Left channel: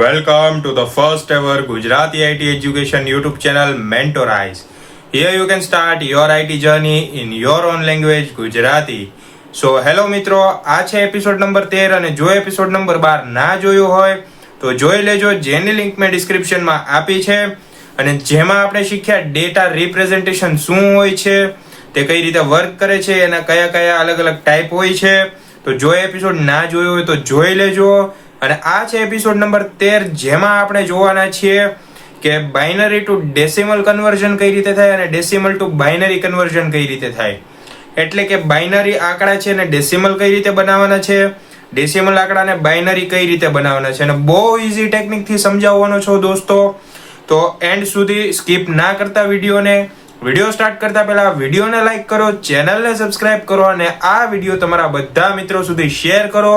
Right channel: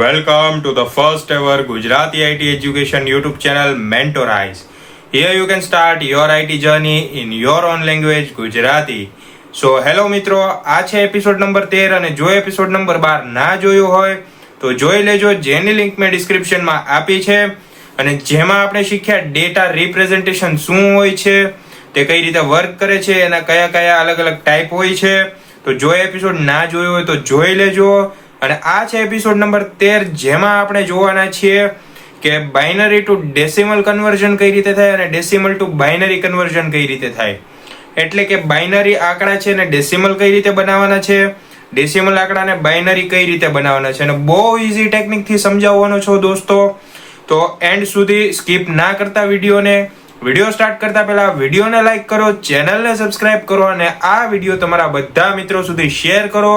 Welcome to the first ever Gujarati IT education YouTube channel Mentorize. Here you can start your IT journey in your own language Gujarati. So hello મિત્રો, આ છે episode number 13 અને જો episode number 12 ના જોયું હોય તો જોઈ લેજો, જેની લિંક મેં ડિસ્ક્રિપ્શનમાં આપી છે અને જેમાં આપણે શીખ્યા ડેટા રિપ્રેઝન્ટેશન શું હોય છે, તે કઈ રીતે વર્ક કરે છે, એના કયા કયા અલગ અલગ ટાઈપ હોય છે. તો જો એપિસોડ ના જોયો હોય તો જોઈ લેજો. અને આ છે એપિસોડ નંબર 13, જેમાં આપણે જોવાના છીએ કે બાઇનરી ટુ ડેસિમલ કન્વર્ઝન કઈ રીતે થાય અને ડેસિમલ ટુ બાઇનરી કન્વર્ઝન કઈ રીતે થાય. એટલે કે બાઇનરી આંકડા છે ને ડેસિમલ કઈ રીતે બનાવવાના છે, ડેસિમલ આંકડાને બાઇનરી કઈ રીતે બનાવવાના છે, અને બહુ ઈઝી ટેકનિક થી સમજાવવાનો છો દોસ્તો. તો એન્ડ સુધી સ્કીપ ના કરતા વિડીયો સ્ટાર્ટ કરતા પહેલા વિડીયોને લાઈક કરો, ચેનલને સબસ્ક્રાઇબ કરો અને આ વિડીયો તમારા બધા મિત્રો સુધી શેર કરો,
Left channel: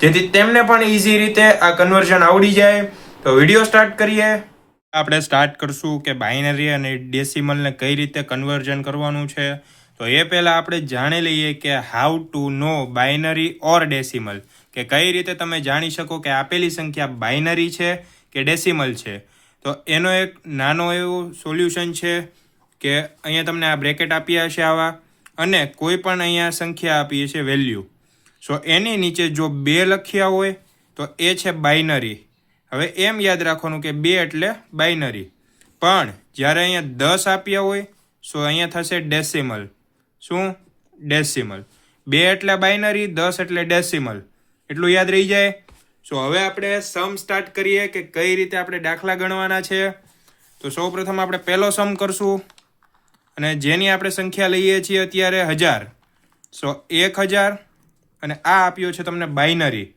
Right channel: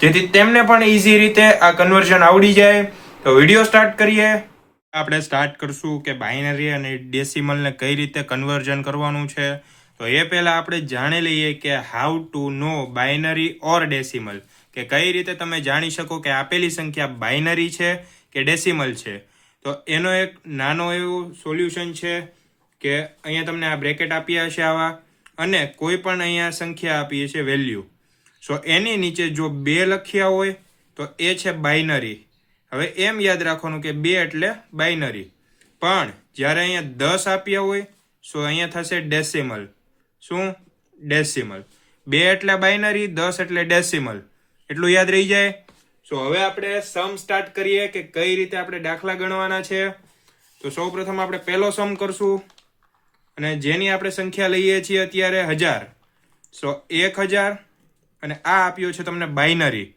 જેથી તેમને પણ ઈઝી રીતે આ કન્વર્ઝન આવડી જાય. તો વિડીયો સ્ટાર્ટ કરીએ. આપણે સ્ટાર્ટ કરશું કે બાઇનરી અને ડેસિમલને કઈ રીતે કન્વર્ઝન કરવાનું છે. તો એ પહેલા આપણે જાણી લઈએ કે how to know binary or decimal, કે કઈ રીતે તમે જાણી શકો કે આપેલી સંખ્યા બાઇનરી છે કે ડેસિમલ છે. તો એનો એક નાનો એવું સોલ્યુશન છે કે અહીંયા તમને આ બ્રેકેટ આપ્યા છે આવા, અને કોઈ પણ અહીંયા સંખ્યા આપી છે વેલ્યુ. સો એની નીચે જો 2 લખ્યા હોય તો એ છે બાઇનરી. હવે એમ યાદ રાખવાનું કે 2 એટલે બાઇનરી, પણ જ્યારે અહીંયા 10 આપ્યા હોય સો અહીંયા થશે ડેસિમલ. શું? ડેસિમલ. 2 એટલે બાઇનરી, 10 એટલે ડેસિમલ. એટલું યાદ રહી જાય. સો હવે આપણે સમ સ્ટાર્ટ કરીએ કે કઈ રીતે આપણે દાખલા ગણવાના છે. તો સૌપ્રથમ આપણે પહેલો સમ કરશું અને જેની આપણે સંખ્યા લઈએ છીએ અત્યારે 1000. સો 1000 અને આ આપ્યો છે તમને બાઇનરી.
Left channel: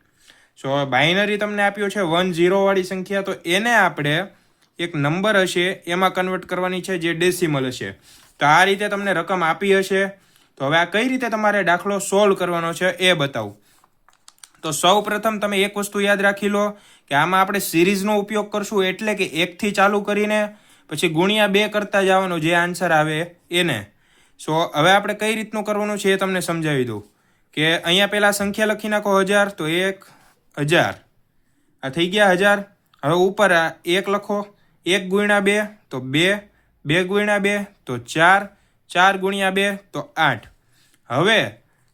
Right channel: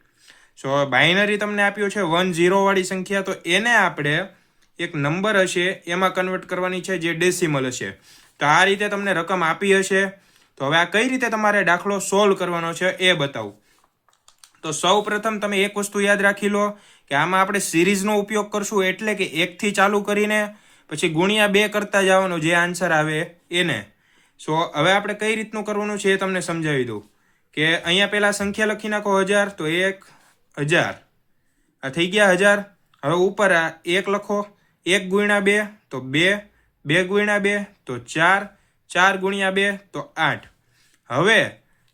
સો બાઇનરી તમને આપ્યો છે 10 વાળી સંખ્યા, તો એને આપણે એક નંબર હશે એમાં કન્વર્ટ કરવાની છે જે ડેસિમલ હશે. તો આ રીતે તમને રકમ આપી હશે. તો હવે આ કઈ રીતે તમારે દાખલો સોલ્વ કરવાનો છે એ બતાવું. તો સૌ પ્રથમ તમે એક વસ્તુ યાદ રાખી લો કે આમાં આપણે સિરીઝનો ઉપયોગ કરશું, એટલે કે 1 થી ચાલુ કરીને પછી ગુણ્યા 2 કરતા જવાનું, જે આન્સર આવે એને. સો હવે આપણે કઈ રીતનું કરવાનું છે એ તમને સમજાવી દઉં. કે અહીંયા પેલા સંખ્યા લખી નાખો 1000, તો 1000 આ થઈ ગયા 1000. હવે ઉપર આ 1 લખો, 1 ગુણ્યા 2 તો 2, 2 ગુણ્યા 2 તો 4, 4 ગુણ્યા 2 તો 8. હવે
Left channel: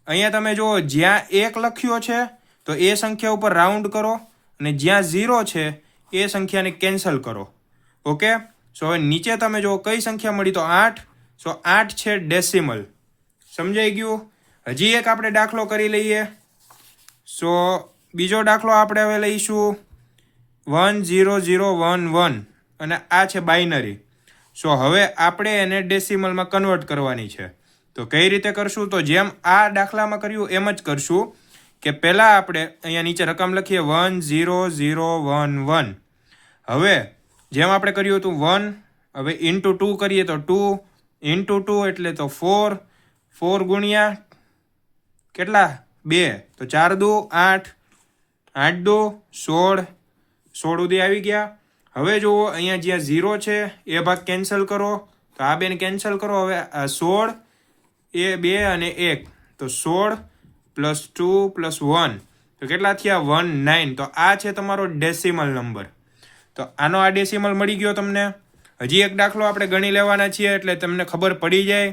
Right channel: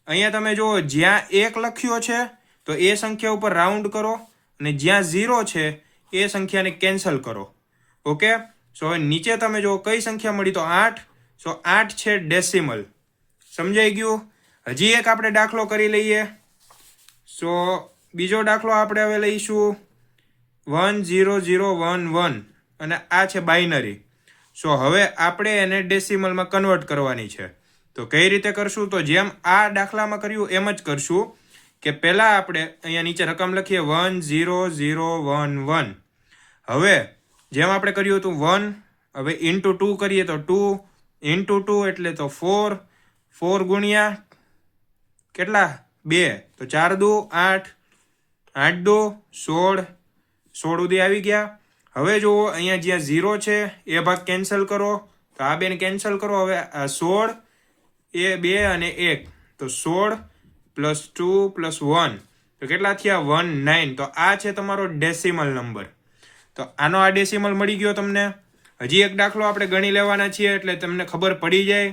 અહીંયા તમે જુઓ, જ્યાં 1 લખ્યો છે તો એ સંખ્યા ઉપર રાઉન્ડ કરો અને જ્યાં 0 છે એ સંખ્યાને કેન્સલ કરો. ઓકે. સો હવે નીચે તમે જુઓ કઈ સંખ્યા મળી, તો 8. સો 8 છે ડેસિમલ. સમજાઈ ગયું? હજી એક આપણે દાખલો કરી લઈએ. સો બીજો દાખલો આપણે હવે લઈશું 10011 અને આ છે બાઇનરી. સો હવે આપણે એને ડેસિમલમાં કન્વર્ટ કરવાની છે. તો કઈ રીતે કરશું? તો જેમ આ દાખલામાં કર્યું એમ જ કરશું કે પહેલા આપણે અહીંયા નીચે રકમ લખીએ 10011. હવે જેમ આપણે કર્યું હતું 1, હવે ઇન્ટુ 2 કરીએ તો 2 ઇન્ટુ 2 એટલે તો 4, 4 ગુણ્યા કેટલા? 2, તો 4 દુ 8, 8 દુ 16, 16 સુધી આવી ગયા. હવે જુઓ અહીંયા જ્યાં 0 છે એ ભાગ કેન્સલ કરો, તો આ બેને કેન્સલ કરો. હવે આ 16 એ 2 અને 1, તો 16 પ્લસ 2 પ્લસ 1 તો કેટલા થયા? 19. તો આ છે તમારો ડેસિમલ નંબર. તો આનો આ ડેસિમલ મળી ગયો તમને. હજી એક દાખલો આપણે ગણી લેવાના છીએ એટલે તમને ખબર પડી જાય.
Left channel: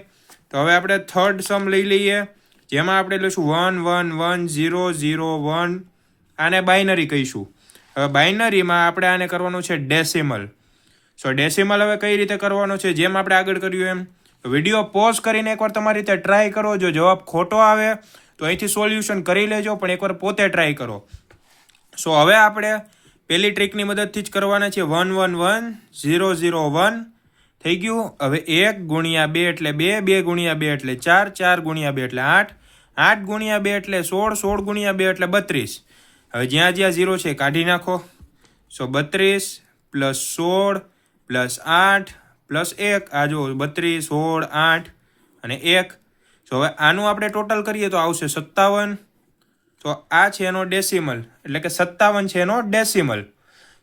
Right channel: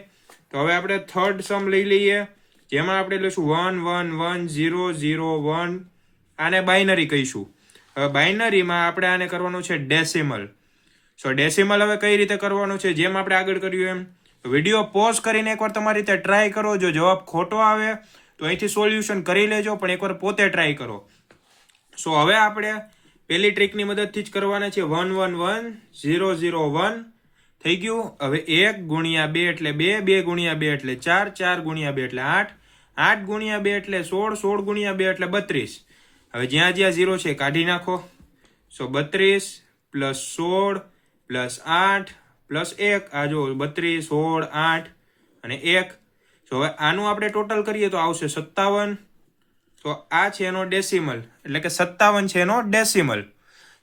તો હવે આપણે થર્ડ સમ લઈ લઈએ, જેમાં આપણે લઈશું 1111001. આને બાઇનરી કહીશું. હવે બાઇનરીમાં આપણે આને કરવાનું છે ડેસિમલ. સો ડેસિમલ હવે કઈ રીતે કરવાનું છે, જેમ આપણે આગળ કર્યું એમ. વિડીયો પોઝ કરીને એકવાર તમારી રીતે ટ્રાય કરો. જો જવાબ ખોટો આવે તો અહીંથી સોલ્યુશન કરી લેજો, પણ એકવાર પોતે ટ્રાય કરો. સો હવે આપણે પહેલી ટ્રીકની મદદથી જ કરવાના છે. 111001 થઈ ગયું. હવે 1 ગુણ્યા 2 એટલે 2, 2 ગુણ્યા 2 એટલે 4, 4 ગુણ્યા 2 એટલે 8, 8 ગુણ્યા 2 એટલે 16, 16 ગુણ્યા 2 એટલે 32. હવે જ્યાં જ્યાં 0 છે કાઢી નાખો. સો 32 પ્લસ 16 પ્લસ 8 પ્લસ 1, આ જો 32, 16, 8 અને 1. સો હવે આનું આપણે ટોટલ કરીએ તો આવશે 57. તો આ છે એનો ડેસિમલ, એટલે કે 57 છે એનો ડેસિમલ.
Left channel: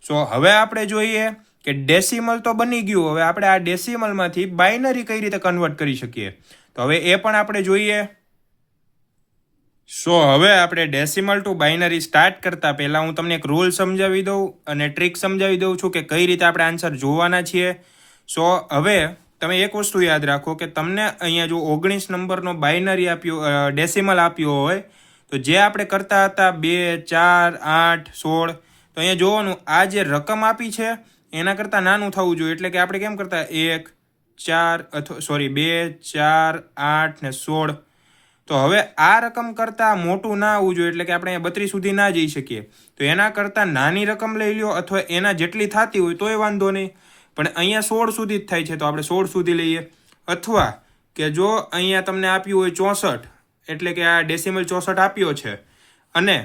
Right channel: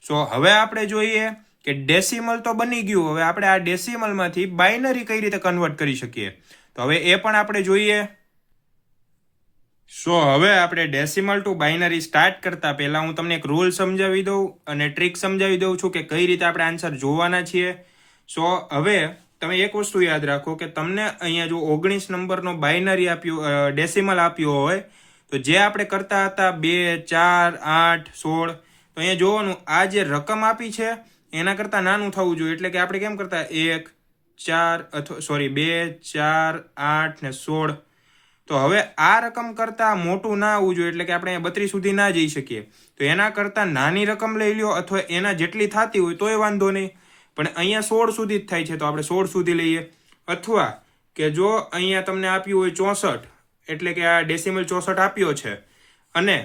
સો હવે આપણે જોઈએ કે ડેસિમલ તો બની ગયું. હવે આપણે આ ડેસિમલમાંથી બાઇનરી કઈ રીતે કન્વર્ટ કરી શકીએ, તો હવે એ પણ આપણે જોઈએ. સો હવે આપણે ડેસિમલ ટુ બાઇનરી સ્ટાર્ટ કરતા પહેલા હું તમને એક રૂલ સમજાવી દઉં અને ટ્રીક સમજાવી દઉં છું કે કઈ રીતે આપણે આન્સર જોવાના છીએ. સો હવે તમે એક વસ્તુ યાદ રાખો કે તમને અહીંયા જો 19 નંબરનો બાઇનરી આપ્યો ડેસિમલ આપ્યો હોય તો જે આપણે કરતા હતા 2, 4, 8, 16 તો અહીંયા જોવાનું આ જે રકમ આપી છે એના કરતાં નાનું થવું જોઈએ. એટલે કે આપણે કેમ કરતા 1, 4 અથવા 2, 4, 8 ને 16. તો હવે આ રકમ કરતાં મોટું ના આવવું જોઈએ. એટલે કે આપણે 32 સુધી ના જઈ શકીએ. તો એના કરતાં નાની રકમ લઈ લ્યો અથવા એના જેટલી થતી હોય તોય વાંધો નહીં. પણ અહીંયા 16 સુધી જ થાય છે તો આપણે 16 સુધી લઈએ. અથવા કે જો અહીંયા તમને આપ્યું હોય 64 એટલે કે આ ડેસિમલ 64 આપ્યો છે અને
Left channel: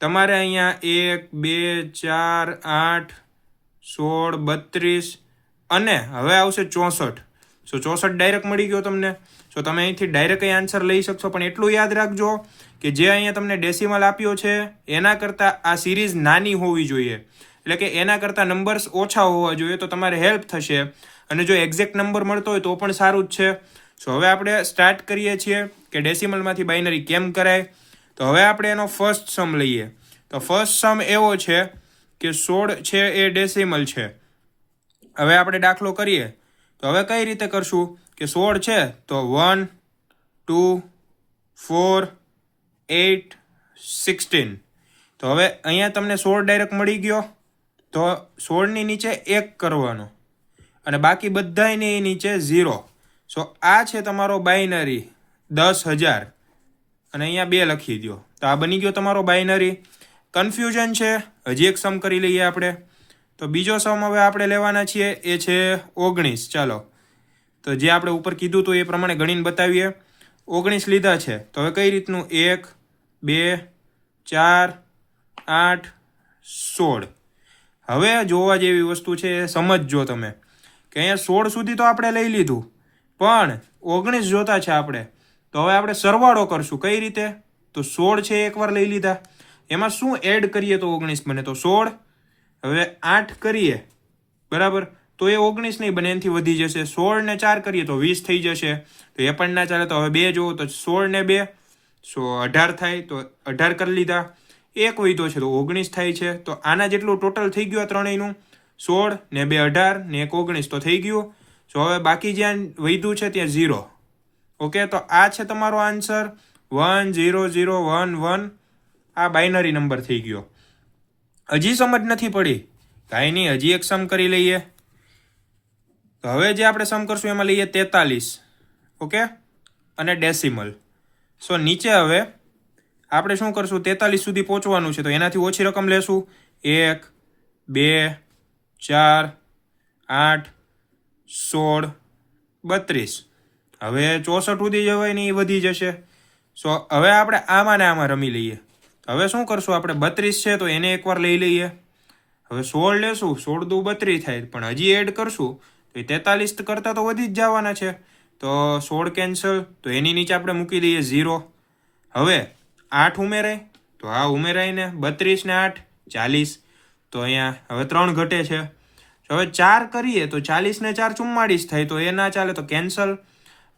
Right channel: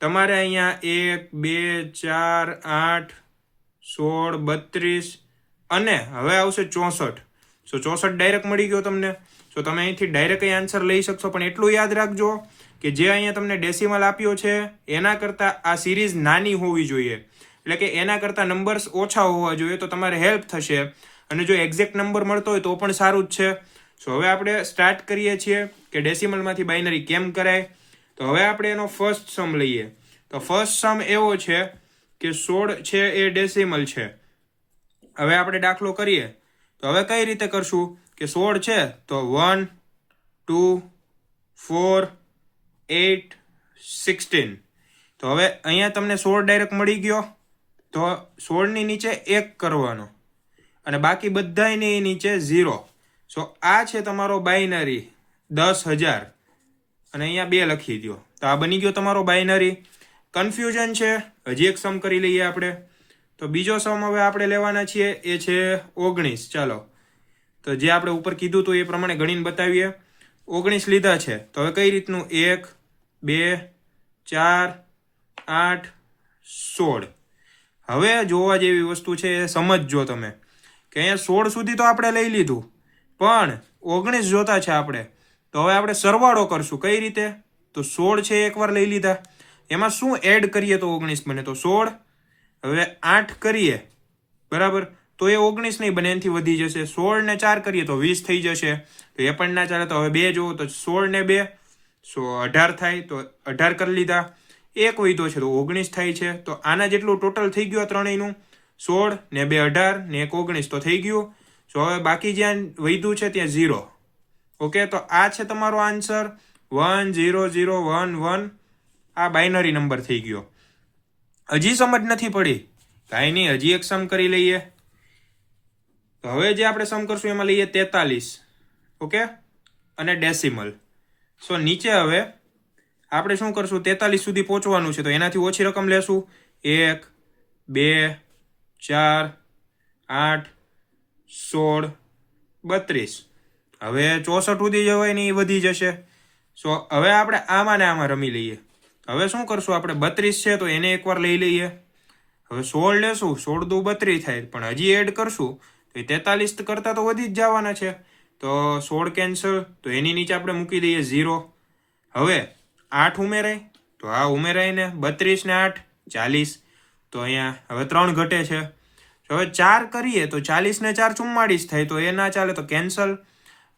તમારે અહીંયા 1, 2, 4, 8, 16, 32 અને હવે આવશે 64. સો 64 ડાયરેક્ટ મળી ગયો તમને. તો તમે અહીંથી ડાયરેક્ટ આન્સર લઈ શકશો. પણ એટલું યાદ રાખજો કે જે અહીંયા તમને ડેસિમલ આપ્યો છે એના કરતાં આ સિરીઝ નાની હોવી જોઈએ. એટલે કે એના કરતાં નંબર્સ ઓછા હોવા જોઈએ તો તમારે હેલ્પ થશે. અને જો એક્ઝેક્ટ નંબર મળતો હોય તો પણ સારું જ છે. સો હવે આપણે સ્ટાર્ટ કરીએ છીએ કે ડેસિમલમાંથી બાઇનરી કેમ કરાય. તો હવે આપણે એનો ફર્સ્ટ સમ લઈએ. તો ફર્સ્ટ સમ એવો છે કે 16 છે એ ડેસિમલ છે. હવે આપણે દાખલો કરીએ તો હવે કઈ રીતે કરશું કે 16 છે તો 1, 2, 4, 8, 16. તો હવે અહીંયા તમને 16 ડાયરેક્ટ મળી ગયો તો 16 ની નીચે 1 કરવાનો અને બાકી બધાની નીચે 0. સો આ છે તમારો બાઇનરી 10,000 અને અહીંયા 2 લખી દો. તો આ બની ગયો તમારો બાઇનરી. કન્ફ્યુઝન છે હજી એક સમ કરી લઈએ આપણે. તો બીજો સમ હવે આપણે લેવાના છીએ એ છે 19. ચાલો તો જે આપણે ઉપર કીધું તો એ પ્રમાણે ગણીને બતાવીએ. 19 લીધા છે તો હવે કઈ રીતનું 1, 2, 4, 8, 16. હવે જોવા જેવી વસ્તુ છે એ સમજજો તમે કે અહીંયા 16 સુધી તો આપણે લઈ લીધું પણ 19 જોતા છે આપણે. તો હવે આપણે સરવાળો કરશું. કઈ રીતે તો 16 છે એકવાર લઈ લીધા એમાં શું એડ કરીએ તો 19 બને. તો 16 હવે 8 કરીએ બરાબર તો એ 19 નહીં બને એનાથી વધી જશે. 16 ને 4 કરીએ તો 20 થઈ જશે. તો એ પણ ના ચાલે. તો હવે 2 જોવો તો 16 ને 2 સો 18 થાય. તો 18 કરી લીધા. એક વધ્યો છે તો 19 થાય છે. તો આના જેટલું ટોટલ થઈ ગયું ત્રણેયનું. 16 ને 2 18 ને 1 19 તો થઈ ગયું. સો હવે બાકી જ્યાં વધ્યું છે ત્યાં 0. ઓકે તો આ છે તમારો આન્સર 1 0 0 1 1. આ બાઇનરી નંબર થઈ ગયો. હજી સમજ નથી પડી કાંઈ નહીં હજી એક સમ કરી લઈએ. તો હવે જે આપણે સમ કરશું એમાં લઈએ 43. ઓકે અને ડેસિમલ. સો નીચે હવે આપણે શું કરશું 43 સુધી પહોંચવાનું છે તો એનાથી ઓછી રકમ લેશું. 1, 2, 4, 8, 16, 32. હવે 64 સુધી જવાય ને એ વધી જશે. સો હવે આપણે આમાં ને આમાં રમી લઈએ. હવે શું કરશું આપણે 32 છે તો એને એકવાર લઈ લઈએ. હવે 16 લેશું 16 દુ 32 થાય પણ હજી એડ કરશું તો 43 કરતાં તો વધી જ જવાના છે. તો 16 કેન્સલ તો એની નીચે આપણે મૂકી દઈએ 0. હવે 8 ઉમેરાય તો આ ઉમેરાય ને 32 ને 8 40. તો અહીંયા હવે 3 ઘટે છે. હવે 4 કરીએ તો 40 ને 4 44 થાય તો એ ના ચાલે તો કેન્સલ.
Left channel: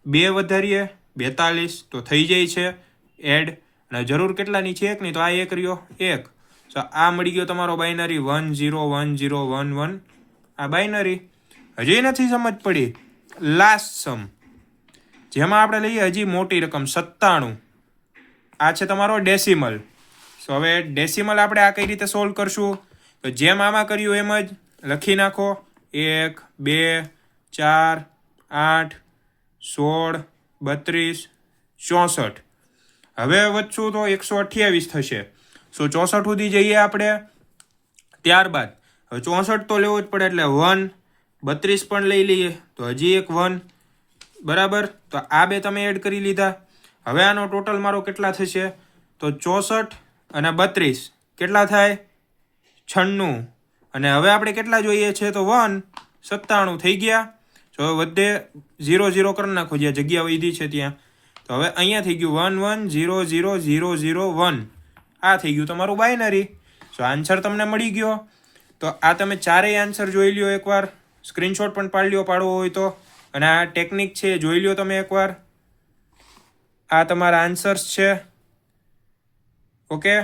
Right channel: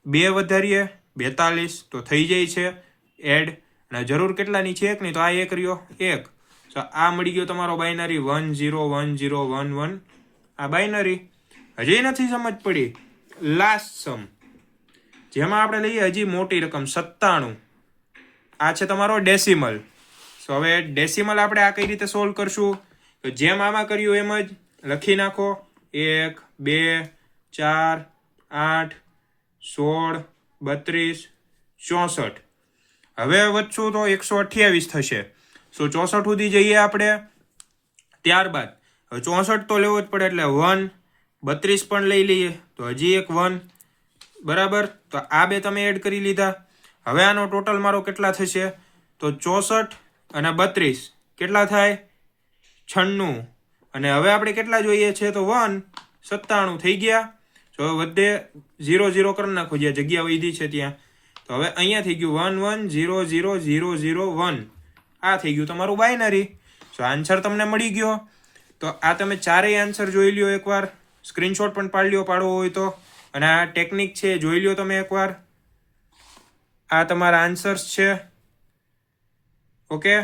2 વધારીએ 42 તો થઈ જાય છે એડ. અને જરૂર કેટલાની છે 1 ની તો આ 1 રહ્યો 1. તો આ મળી ગયો તમારો બાઇનરી 1 0 1 0 1 1. આ બાઇનરી હજી નથી સમજ પડી. લાસ્ટ સમ જેમાં આપણે લઈએ હજી મોટી રકમ 97. આ છે તમારો ડેસિમલ. સો હવે ડેસિમલ આપણે આ કઈ રીતે સોલ્વ કરશું તો જેમ આમાં કર્યું એમ જ લખી નાખો. 1 2 4 8 16 32 64. હવે વધશું તો 128 થશે. સો 64 સુધી જઈએ આપણે. ત્યારબાદ હવે 64 તો લેવો જ પડે એટલે 1 32 પણ લઈ લઈએ તો હજી એક 1 બરાબર. તો આ બે તમે એડ કરી લીધા. હવે આનો ટોટલ મારો કેટલા થશે તો 64 અને 32 કેટલા થાય 96. અને હવે આપણે કેટલા જોઈએ છે તો 1 97 થઈ ગયા. તો વધે 0 0 કરી નાખો જ્યાં જગ્યા વધી છે ત્યાં. તો હવે અહીંયા થઈ ગયું 1 1 0 0 0 0 1. આ થઈ ગયું તમારું બાઇનરી. સો આન્સર તમને મળી ગયો. તો આ તમે ચારેય આન્સર જોઈ લ્યો એકવાર. સ્ક્રીનશોટ પણ પાડવો હોય તો. અને આ ટેકનિક છે જોઈ લ્યો તમે એકવાર. આ તમારા આન્સર્સ છે. ઓકે,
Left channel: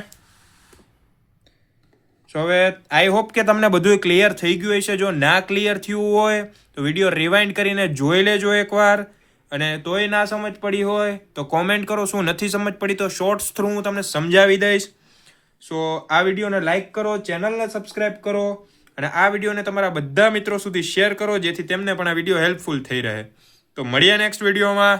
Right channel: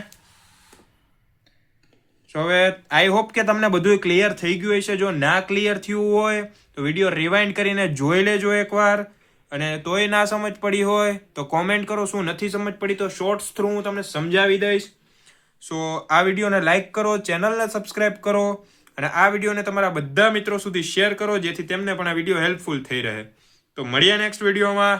સો હવે આઈ હોપ કે તમને બધું ક્લિયર થઈ ગયું હશે. જો ના ક્લિયર થયું હોય તો વિડીયો રિવાઇન્ડ કરીને જોઈ લેજો એકવાર, અને તોય ના સમજ પડી હોય તો કોમેન્ટ કરો. શું નથી સમજ પડી તો શોર્ટ્સ થ્રુ હું તમને સમજાવી દઈશ. સો આ વિડીયોને લાઇક કરો, ચેનલને સબસ્ક્રાઇબ કરો, અને આ વિડીયોને તમારા બધા મિત્રો સુધી શેર કરો, જેથી તેમને પણ આ વિડીયો હેલ્પફુલ થઈ રહે. તો મળીએ નેક્સ્ટ વિડીયોમાં.